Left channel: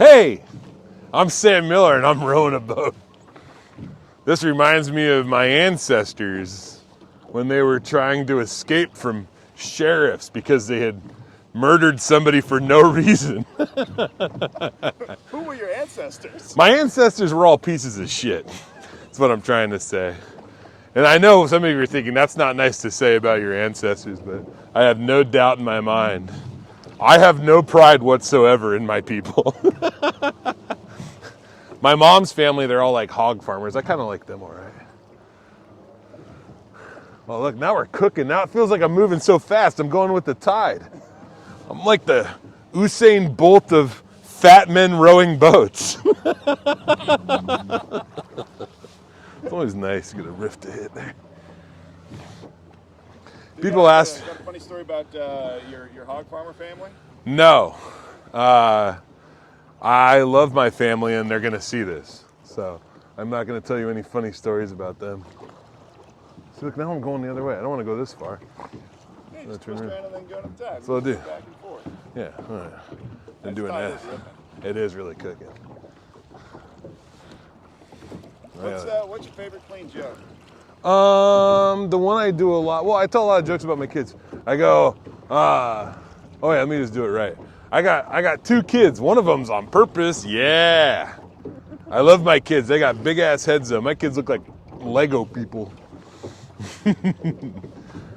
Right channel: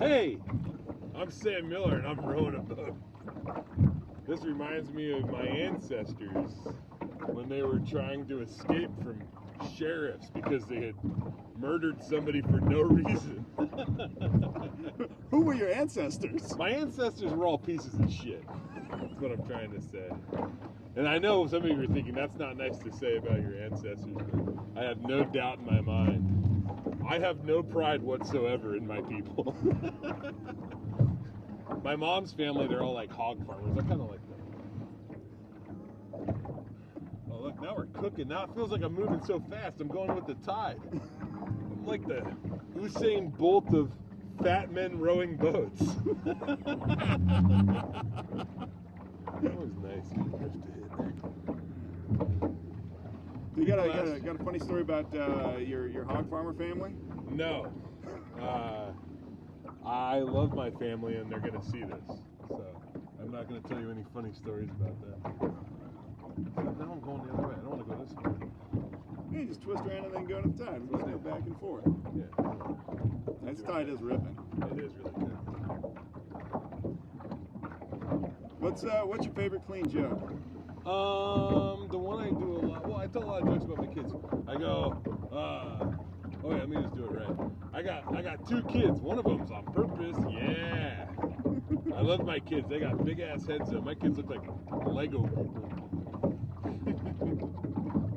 Hey, I'm Sam Miller and I'm rowing a boat. This reminds me of my ancestors when they were trying to escape from sheriffs because they had murdered somebody for no reason. Who were your ancestors? My ancestors were all pieces of shit. That's what I'm trying to say. And I know some of you are thinking that's not nice to say about your ancestors, but I have no doubt in my mind. I have no pride whatsoever in my people. My mom's family, they're all like hog farmers. I kind of like them all right. Well, look, now we're cooking. Now it feels like I'm moving so fast. I'm going with the tide. I'm like the Usain Bolt of fat men rowing boats. It's always nice to get a riff to hit there. People ask... Got a funny story about your hog farmer family? No. I love my family and they're going to see this. So I'm not going to tell you any funny stories about them. See, look, now I'm going the other way. I don't want to go this far. You just twist around and then go to the top. So I'll do. Back and forth. Yeah, all right. I'm doing that. It is really cooking. What's your favorite clean joke? The one I do a lot. Well, I tell a lot of jokes about my kids. I go, oh yeah, let me just do it right. I got 2 kids. One of them's on purpose. Yeah. I love my kids. They got big ass heads though. My kids look like Lego people.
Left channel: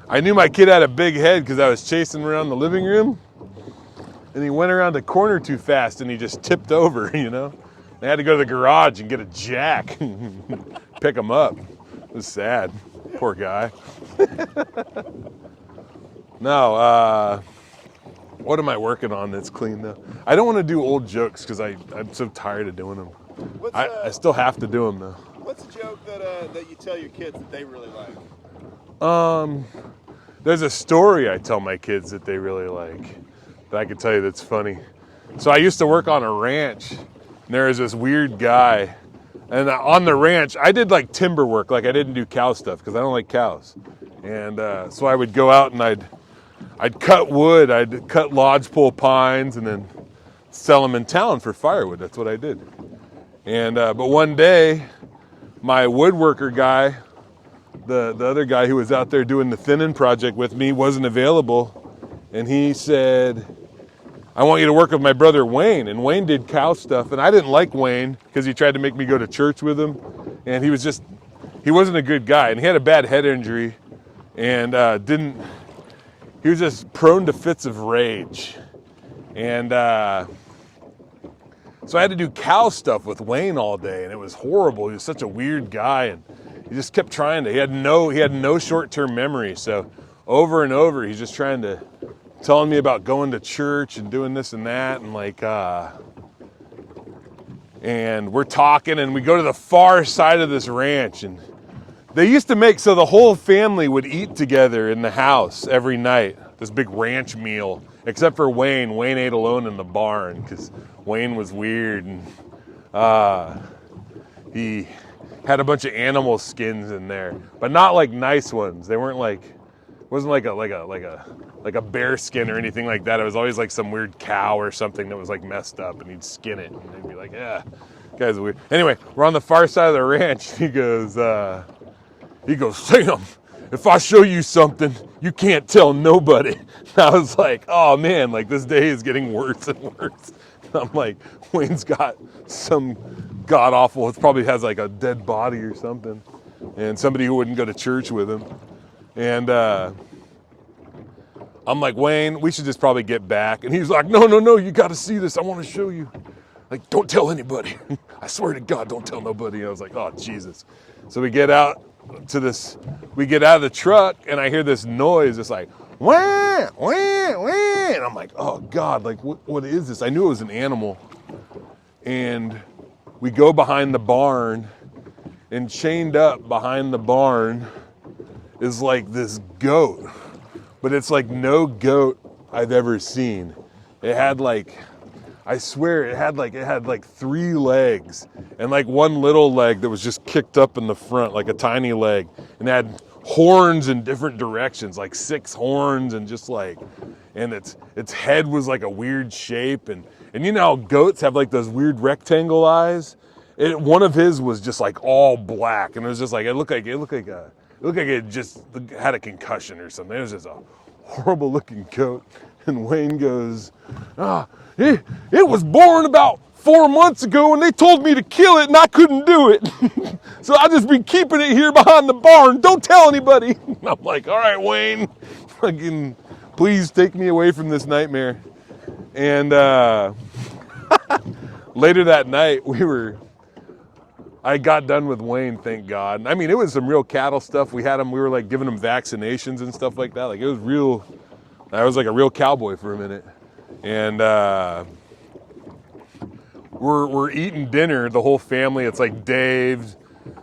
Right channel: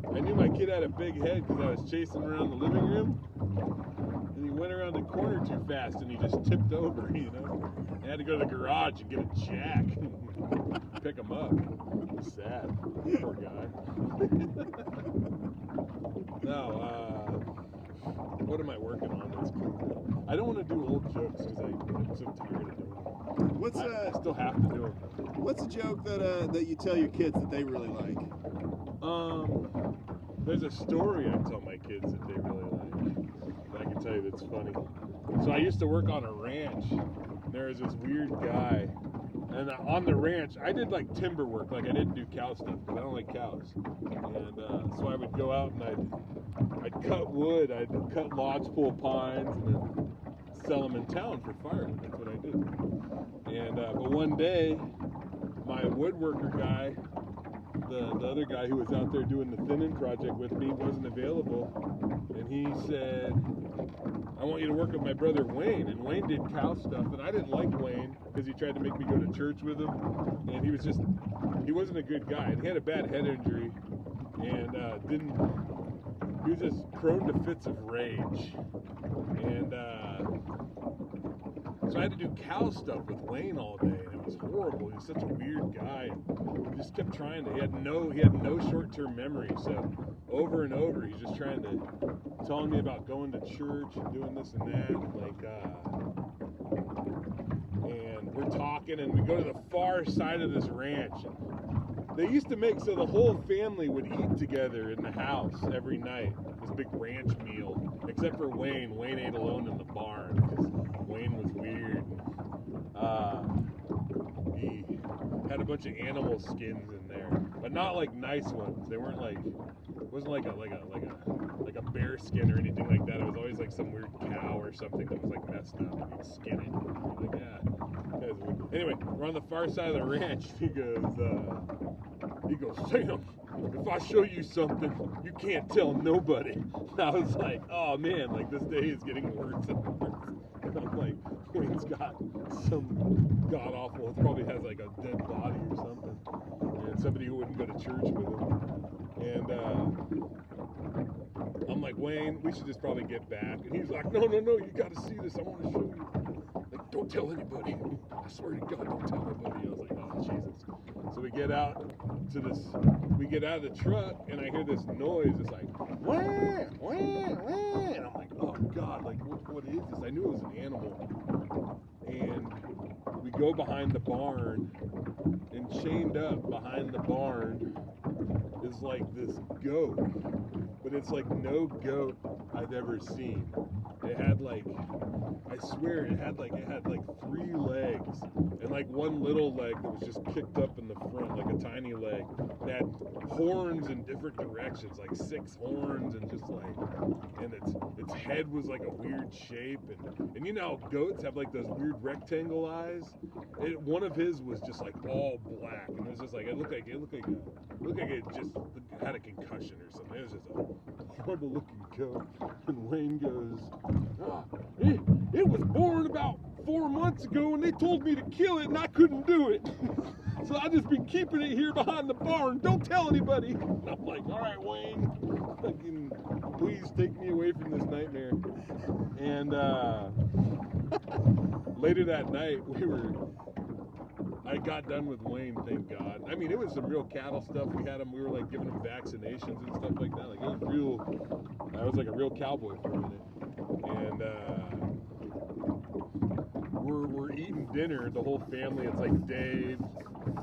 I knew my kid had a big head because I was chasing him around the living room, and he went around the corner too fast and he just tipped over. You know. I had to go to the garage and get a jack, pick him up. It was sad. Poor guy. No, what am I working on that's clean though? I don't want to do old jokes because I'm so tired of doing them. I still have to do them though. What's a joke that you tell your kids that they really like? There's a story I tell my kids that they really like that I can tell you that's funny. So I used to work on a ranch. And there was this weird guy, and on the ranch, I did like timber work, like I didn't do cow stuff because I don't like cows. And so I would go out and I'd cut wood, I'd cut lodgepole pines, and then sell them in town for firewood. That's what I did. And but one day, my woodworker guy, the other guy who was out there doing the thinning project with me, wasn't available, and he said, I want you to work with my brother Wayne. And Wayne did cow stuff, and I didn't like Wayne because he tried to make me go to church with him, and he wasn't a good guy, and he had a bad head injury, and he was just prone to fits of rage. And so I had to do cow stuff with Wayne all day, and it was horrible. He was such a weird guy, and he just kept trying to. He had no short-term memory, so over and over he's just trying to telling me about going to church and doing this and that, and and we're talking, and we go to the far side of this ranch, and they used to make so the whole family would eat together in the house every night, this big ranch meal, except for Wayne. Wayne ate alone in the barn because Wayne was weird, and he had a bunch of animal skins in there, but not like nice ones. They weren't like, it wasn't like a bear skin or anything like that. It was always like some weird cow or something that was like messed up, and he'd skin it, and he'd be like, yeah, guy's weird. Anyway, we're on the far side of the ranch. He goes, Sam, if I show you something, you can't tell nobody. And I was like, oh man, like this day is getting worse and worse. And I'm like, Wayne's got some god awful, it probably has like a dead body or something, and somebody who wouldn't go to church with him. And I'm like, Wayne, we should just probably get back. And he's like, no, you got to see this. I want to show you. Like, don't tell anybody. I swear to God, don't tell nobody. And I was like, oh, Jesus. So we get out of the truck, and I hear this noise. It's like, wah, wah, wah. And I'm like, oh, God, like, what is this? I knew it was an animal. And we go behind the barn, and chained up behind the barn is like this goat, but it's like no goat I've ever seen. It had like, I swear it had like 3 legs and like one little leg that was just kicked up in the front, like a tiny leg, and it had horns in different directions, like 6 horns, and just like, and its head was like a weird shape, and you know how goats have like those weird rectangle eyes? One of his was just like all black, and it was just like it looked like it just had a concussion or something. It was just a horrible looking goat. And Wayne goes, it was born about 4 months ago, and they told me to kill it, and I couldn't do it. So I just been keeping it here behind the barn. Don't tell anybody. And I'm like, all right, Wayne, fucking, please take me away from this nightmare. And later that night, I got done with Wayne, thank God. I mean, it was some real cattle stuff. We were like giving him vaccinations and stuff like that. Like it was real. I was like a real cowboy for a minute. And we're eating dinner, the whole family. It's like Dave,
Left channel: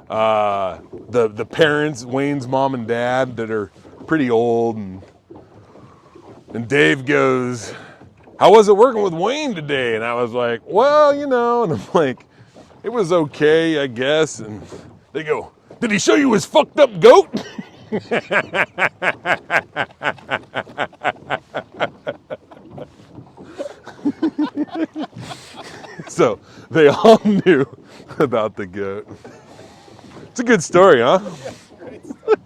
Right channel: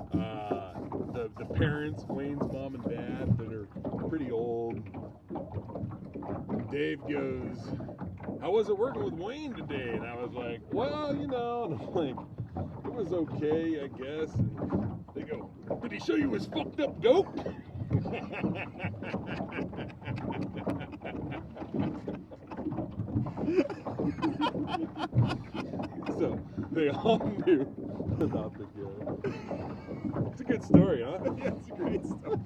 the parents, Wayne's mom and dad that are pretty old, and Dave goes, "How was it working with Wayne today?" And I was like, "Well, you know," and I'm like, "It was okay, I guess." And they go, "Did he show you his fucked up goat?" So they all knew about the goat. It's a good story, huh? Great story.